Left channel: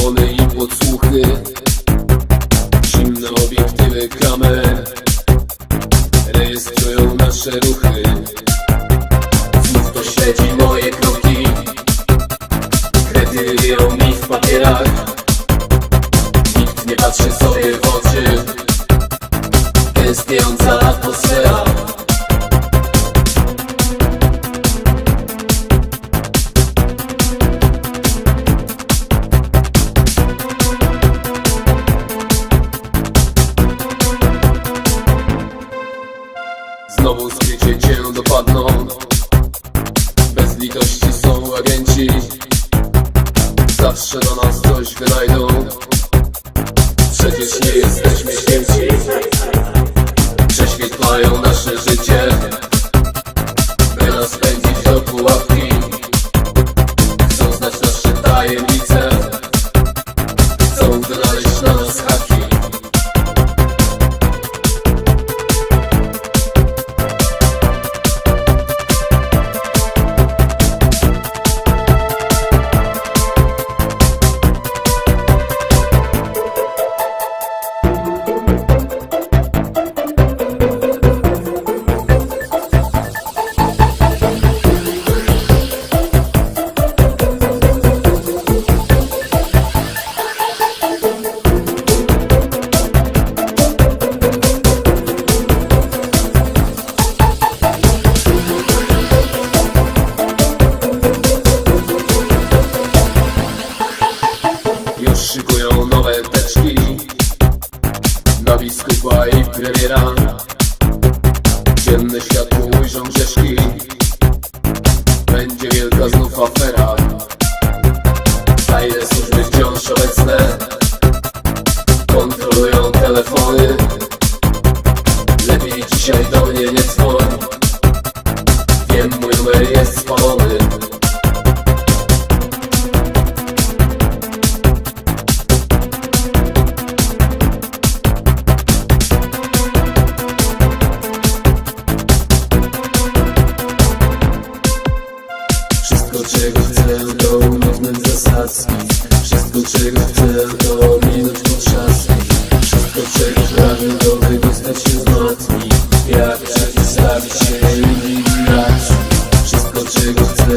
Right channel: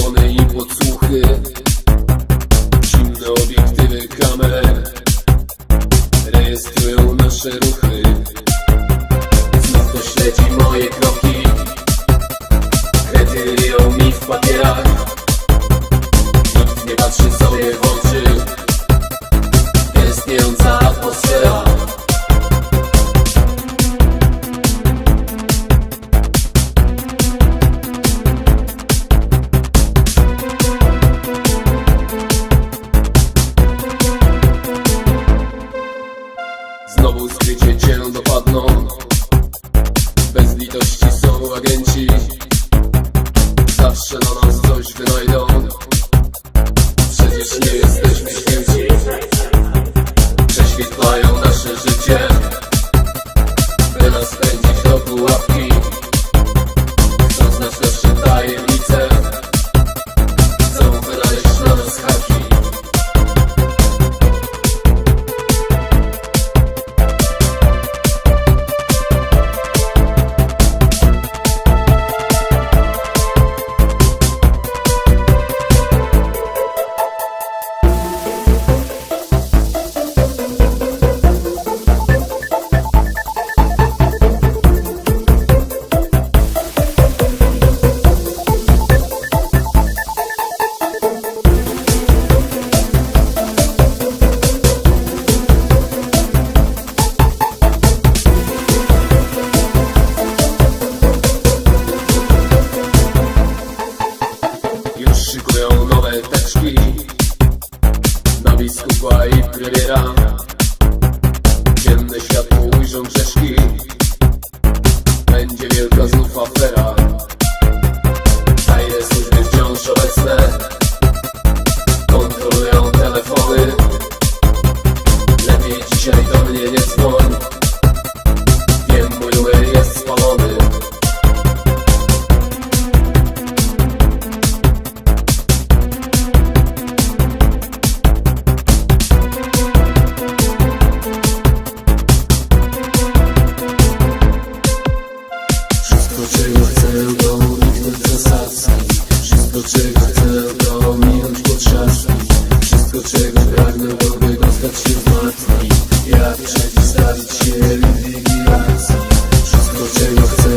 telefony i podsłuchy. Zimne obiektywy kamer Rejestrują nasze ruchy. Znów to śledzi moje kroki. Krety mi w papierach. телефоны Отвечай, да мне не звонь Где мылые стволы Шестой czego